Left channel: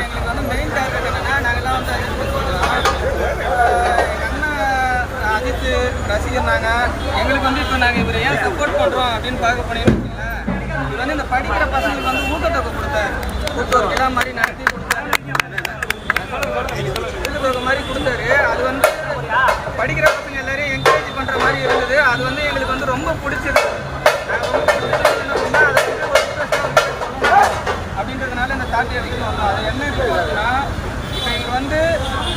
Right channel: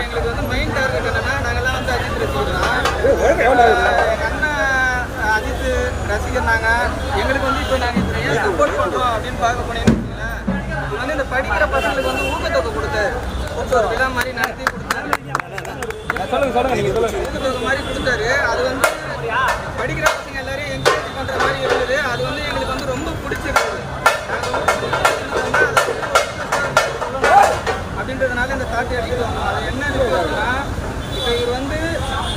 எங்களுக்கு வந்து main target என்னன்னா, நாங்கெல்லாம் வந்து அஜித் ரசிகர் தான். எங்கள் அண்ணன் அஜித் ரசிகர் நாங்கள். எங்களுக்கு வந்து இப்போ நாங்கள் இவரை ஏன் சப்போர்ட் பண்ணுறோம் அப்படின்னு பார்க்க போனீங்கன்னு வச்சுங்களேன், இவர் வந்து இந்த படிக்கிற பசங்களுக்கு வந்து ஊக்கத்தொகை கொடுத்தாரு. ஒரு விழா மாதிரி நடத்தி கொடுத்தாரு, ஊக்கத்தொகை மாதிரி கொடுத்தாரு. அது வந்து படிக்கிற பசங்க எல்லாரையும் என்கரேஜ் பண்ணுற மாதிரி இருந்தது. அது வந்து எங்களுக்கு வந்து ரொம்ப பிடிச்சிருந்தது. நாங்கள் ரொம்ப பிடிச்சிருந்தோம்னா அதை வந்து ஒரு இன்ட்ரெஸ்டாக சொல்லணும் அப்படின்றதுனால இந்த தாட்டி எடுத்துகிட்டு வந்தோம். அது என்ன இருக்குதுன்னா, இப்போ இவர் வந்து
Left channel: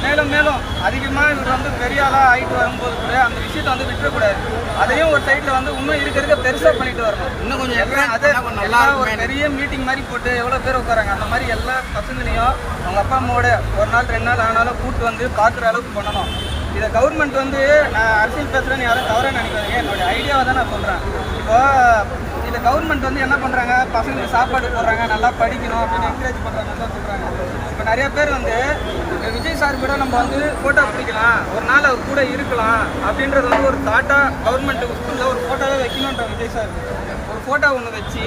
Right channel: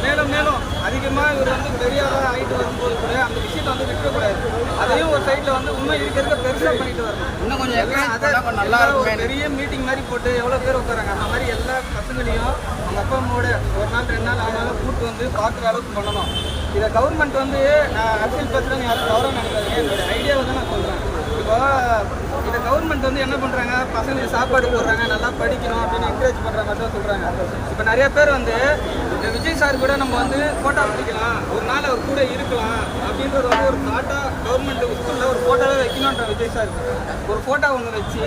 மேலும் மேலும் அதிகமாக இவர் வந்து பெரிய ஆளாக ஆகிட்டு வரும்போது கூட அந்த விஷயத்தை வந்து விட்டுறக்கூடாது. அதையும் ஒரு சைடில் வந்து இன்னும் இருக்க பெருசாக பண்ணிட்டு வரணும். இன்னும் கொஞ்சம் எல்லாம் நல்லா ஒரு பெரிய மீட்டிங் மாதிரி போட்டு எவ்வளோ பேர் உட்காராங்க, அந்த மாதிரி எல்லா பசங்களையும் அவங்க அப்பா அம்மாவோட ஒரு நாள் 2 நாள் ஆனாலும் கூப்பிட்டு வந்து பார்க்குற அளவுக்கு பண்ணணும். இதை கவர்மெண்ட் வந்து, நான் அரசியல் பேசுகிறேன்னு யாரும் தவறாக நினைக்காதீங்க, என்னுடைய ஐடியாவை தான் நான் சொல்கிறேன். இப்போ இந்த கவர்மெண்ட் வந்து என்ன பண்ணுறாங்க, பசங்களுக்கு சாப்பாடு போடுறாங்க, நல்லா படிக்கணும் அப்படின்னு என்கரேஜ் பண்ணுற மாதிரி தான் சொல்கிறாங்க. இப்போ நிறைய பேர் வந்து இந்த விஜய் சார் கூட நம்ம வந்து ஃபோட்டோ பிடிக்கலாம், ஒரு நாள் அவர் கூட இருக்கலாம் அப்படின்றது வந்து ஒரு தாட்டாக கவர்மெண்ட் ஸ்கூலில் ஒரு ஃபோட்டோவே வைக்கணுன்ற விஜய் சார் ஒரு ஃபோட்டோ ஒன்று வச்சு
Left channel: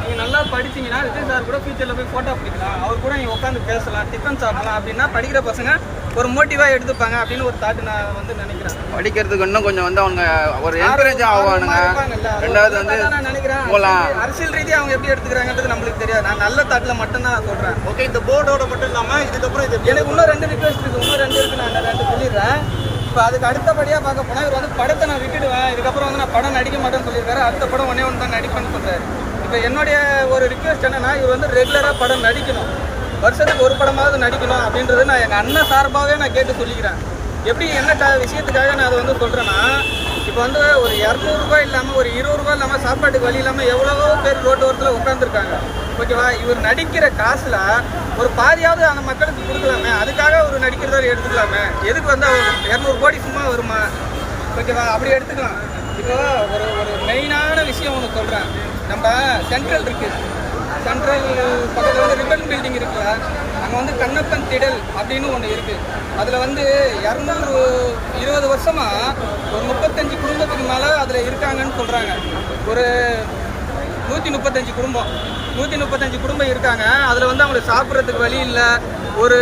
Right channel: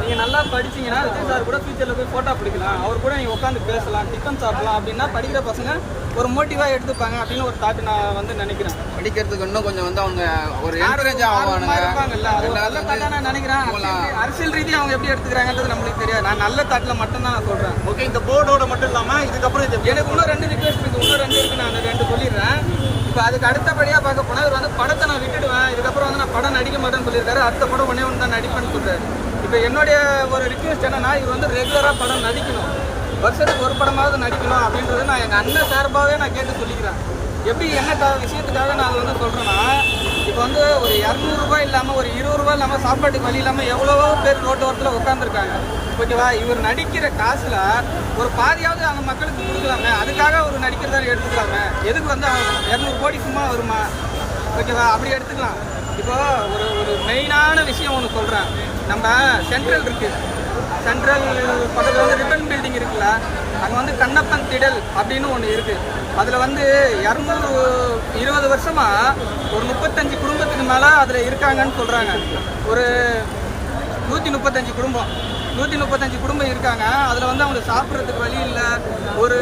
நீங்கள் நல்லா படிச்சிங்கன்னா விஜய் சார் கூட ஃபியூச்சரில் போய் ஃபோட்டோ பிடிக்கலாம், அவர் கூட நீங்கள் உட்காந்து பேசலாம், டிஃபன் சாப்பிடலாம் அப்படின்னா படிக்கிற பசங்க ஒரு மோட்டிவாக எடுத்துப்பாங்க அப்படின்னு ஒரு தாட்டு நான் வந்து நினைக்கிறேன். படிக்கிறதுக்கு இன்னும் கொஞ்சம் வந்து அவங்க ஒரு என்கரேஜ் ஆவானுங்க. ரெண்டாவது வந்து நான் நினைக்கிறேன் அரசியல் ரீதியாக அவங்க எப்படி எடுத்துக்கிறாங்கன்றது நம்மளுக்கு தெரியாது. நான் நல்ல தாட்டில் மட்டும்தான் நான் சொல்கிறேன். ஓகே, இந்த போர்டோட மட்டும் இல்லாமல் இதுக்கப்புறம் எனக்கு இன்னும் 2 ரிக்வெஸ்ட் இருக்குது, இன்னும் 2 இருக்குது, நான் 2 சொல்லிடுறேன். இப்போ அதுக்கு அடுத்தபடியாக பார்க்க போனால் இவர் வந்து படத்தை நான் விட்டுடுவேன், இதுக்கப்புறம் வந்து நான் படம் நடிக்க மாட்டேன்னு சொல்லியிருக்காரு. அடுத்த படம் ஒன்றே ஒன்று தான் நடிப்பேன்னு சொல்கிறார். இப்போ என்னுடைய ஒரு ரிக்வெஸ்ட் என்னன்னா, இவர் வந்து ரெகுலராக படம் நடிக்கணும், வருஷத்துக்கு ஒரு படமாவது நடிக்கணும் அப்படின்றது நான் எங்கள் அண்ணன் சார்பாகவே நான் கேட்டு சொல்லிக்கிறேன். எப்படி என்ன விஷயத்துக்காக நான் அதை வந்து சொல்கிறேன்னா, இப்போ வந்து ஒரு 200 ரூபாய் இல்லாமல் ஒரு 20 ரூபா இல்லாமல் சாப்பாட்டுக்கு வழி இல்லாமல் எவ்வளவோ பேர் ரோட்டு ஓரத்தில் உட்காந்துருக்காங்க. ஓகேவா, இவர் நடிக்கிற காசில் ஒரு பாதியாவது அந்த மக்களுக்கு கொடுக்கலாமே, அதுக்காக அவர் நடிக்கிறதா எடுத்துக்கலாமே. எதுக்கு வந்து அவர் 200 கோடி சும்மா வருமா? ஓகேவா, அப்படி எடுத்துக்கலாம். இப்போ ஒரு மெயினான விஷயம் ஒன்று சொல்கிறேன். நம்ம சென்ட்ரல் இருக்குது, சென்ட்ரல் பக்கத்தில் வந்து ரிப்பன் பில்டிங் இருக்குல்ல, அங்கே வந்து கண்ணப்பன் திடல் அப்படின்னு ஒன்று இருக்குது. அதில் வந்து 220 வருஷமாக ஒரு 35 குடும்பத்துக்கு மேலே அதில் இருக்காங்கன்னு சொல்கிறாங்க. ஒரு 135 குடும்பம் 135 குடும்பம் இருக்காங்க. அதில் வந்து அவங்களுக்கு சாப்பிட்றதுக்கு வழி இல்லை, ஒரு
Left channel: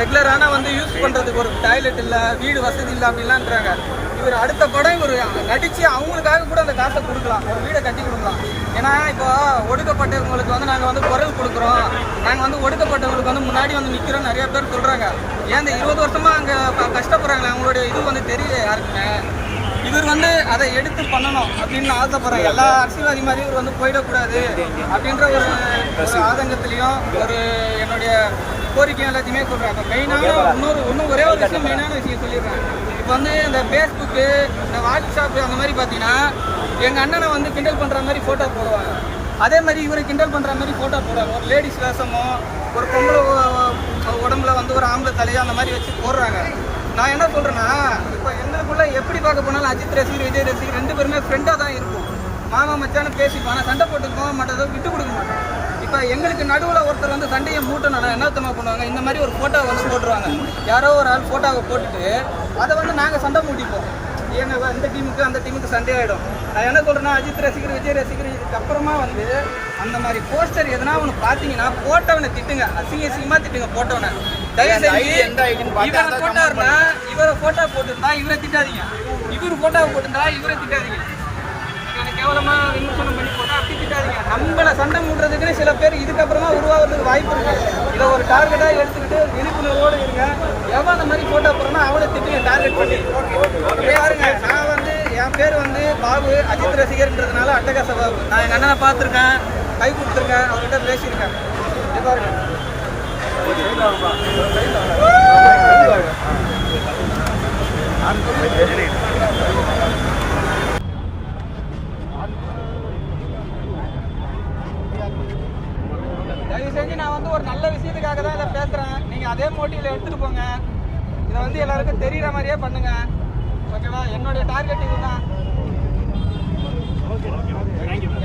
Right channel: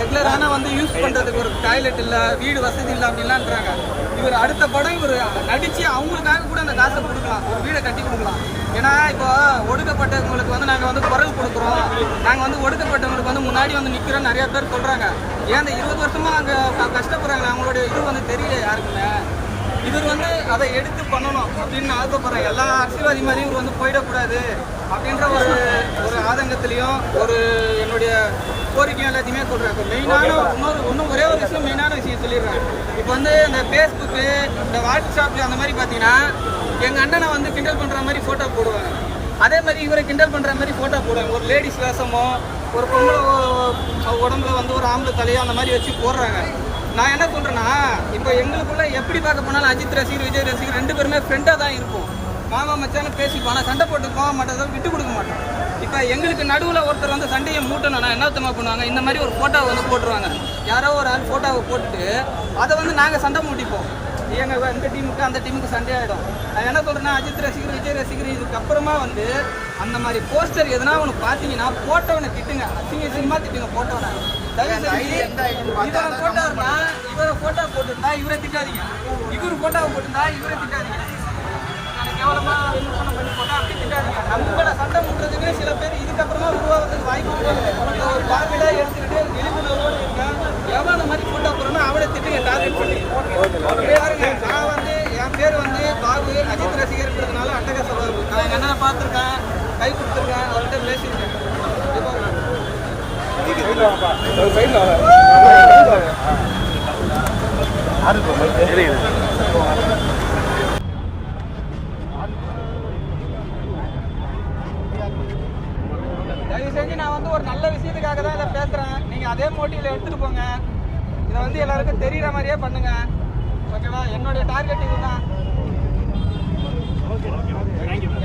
ரெகுலரான வந்து யூஸ் பண்ணுறதுக்கு ஒரு டாய்லெட் இல்லை, வீடு வசதி இல்லை அப்படின்லான்றாங்க. இவர் அடுத்த படம் இவர் நடித்து அவங்களுக்காக கூட அந்த காசை கொடுக்கலாம், ஒரு வீடை கட்டி கொடுக்கலாம். ஏன்னா இப்போ ஒடுக்கப்பட்டவங்களுக்கு வந்து நாங்கள் வந்து குரல் கொடுக்குறோம், நாங்கள் வந்து ஒடுக்கப்பட்டவங்களுக்கு வந்து முன்னாடி வந்து நிற்கிறோன்னு நிறையா பேர் சொல்கிறாங்க. ஏன் இந்த 20 வருஷமாக அங்கே கஷ்டப்படுறாங்களே, அவங்களுடைய இது வந்து தெரியல யாருக்குமே. இவர் வந்து அதை எடுத்து பண்ணணும் அப்படின்னு நான் ஆசைப்படுறேன். எல்லா அரசியல்வாதி மாதிரி இவர் வந்து போயிடக்கூடாது அப்படின்ற ஒரு ஆதங்கத்திலையும் ஒரு என்னுடைய கோரிக்கையும் எல்லாத்தையுமே சொல்கிறேன். இப்போ மெயினான இன்னும் ஒரே ஒரு விஷயம், மெயினான விஷயம் சொல்லிடுறேன். இப்போ வந்து இந்த ஃபேஸ்புக்கு, இந்த வாட்ஸ்அப்பு அந்த மாதிரி பார்த்தீங்கன்னா எங்கள் அண்ணனை வந்து கிண்டல் பண்ணுற மாதிரி ஃபோட்டோ போடுவாங்க, அதே மாதிரி இவரை கிண்டல் பண்ணுற மாதிரி ஃபோட்டோ போடுவாங்க. ஒரு லேடிஸ் வேஷமோ ஒரு பொம்பளை உடம்புல வந்து ஒரு ஆம்பளை தலையோ அந்த மாதிரி வச்சு போடுறாங்க. நான் என்ன சொல்கிறேன்னா, இப்போ எங்களுக்குள்ள எப்படி பார்க்க போனாலும் அஜித் ரசிகர் விஜய் ரசிகர் 2 பேருமே ஃப்ரெண்டாக தான் இருப்போம், மாமா மச்சான பேசிப்போம், ஆனால் சண்டை போட்டுக்கு போக மாட்டோம், விட்டு கொடுக்க மாட்டோம். இப்போ எங்களுக்கு நடுவில் ஒருத்தர் வந்து சண்டையை மூட்டணும்னா என்னத்தமா பண்ணுவாங்க, இந்த மாதிரி ஒரு ஃபோட்டோவை வந்து போட்டுருவாங்க. யாரோ ஒரு ஆள் ஃபோட்டோவை போட்டுட்டு அதை வந்து நாங்கள் சண்டை மூட்டிப்போம். எங்கள் இந்த டீமுக்கு அந்த டீமுக்கு சண்டே ஆகிடும். நான் என்ன சொல்கிறேன்னா, அஜித் ரசிகர் விஜய் ரசிகர் இதுக்கப்புறமா வந்து அந்த மாதிரி போஸ்டர் எதுனா ஒன்று பார்த்தீங்கன்னா போட்டவனை திட்டுங்க, அசிங்கமாக திட்டுங்க போட்டவனை. தயவு செஞ்சு இவரை போட்டாருன்னா இவரை ஃபோட்டோ போட்டுருந்தா இவரை திட்டாதீங்க, இவர் ஃபோட்டோவை போட்டுருந்தா இவரை திட்டாதீங்க, கேவலமாக விமர்சனம் பண்ணி போட்டால் அப்படி திட்டாதீங்க. நம்மளை சண்டை மூட்டுறதுக்குன்னு சில பேர் இதுக்கப்புறமா உருவாகிறதுக்கு வாய்ப்பு இருக்குது. இதை ஒரு டார்கெட்டாக எடுத்துக்கிட்டு விழிப்புணர்வோடு இருங்க. எவன் அந்த மாதிரி ஃபோட்டோ போடுறோன்னா அவனை திட்டுங்க டார்கெட் பண்ணி. பாருங்க, நான் வந்து என் பேர் வந்து பாபு, அஜித் ரசிகர்ன்றதுனால அட்டகாச பாபு. நான் எங்கள் அண்ணனை பார்த்துருக்கேன், கை கொடுத்துருக்கேன், அவர்கிட்ட பேசியிருக்கேன். இது பாருங்க, தயவு செஞ்சு நான் வந்து ஒரு நல்ல விஷயத்துக்காக தான் இதை பேசுகிறேன். நீங்கள் அதே மோட்டிவில் எடுத்துகிட்டு போங்க. இதை வந்து எல்லாருக்கும் தெரிகிற மாதிரியே பண்ணுங்க. ஓகேவா, என்னுடைய டார்கெட் இதுதான்.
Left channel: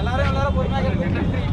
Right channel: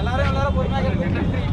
எல்லாரும் பொறுமையாக நன்றி.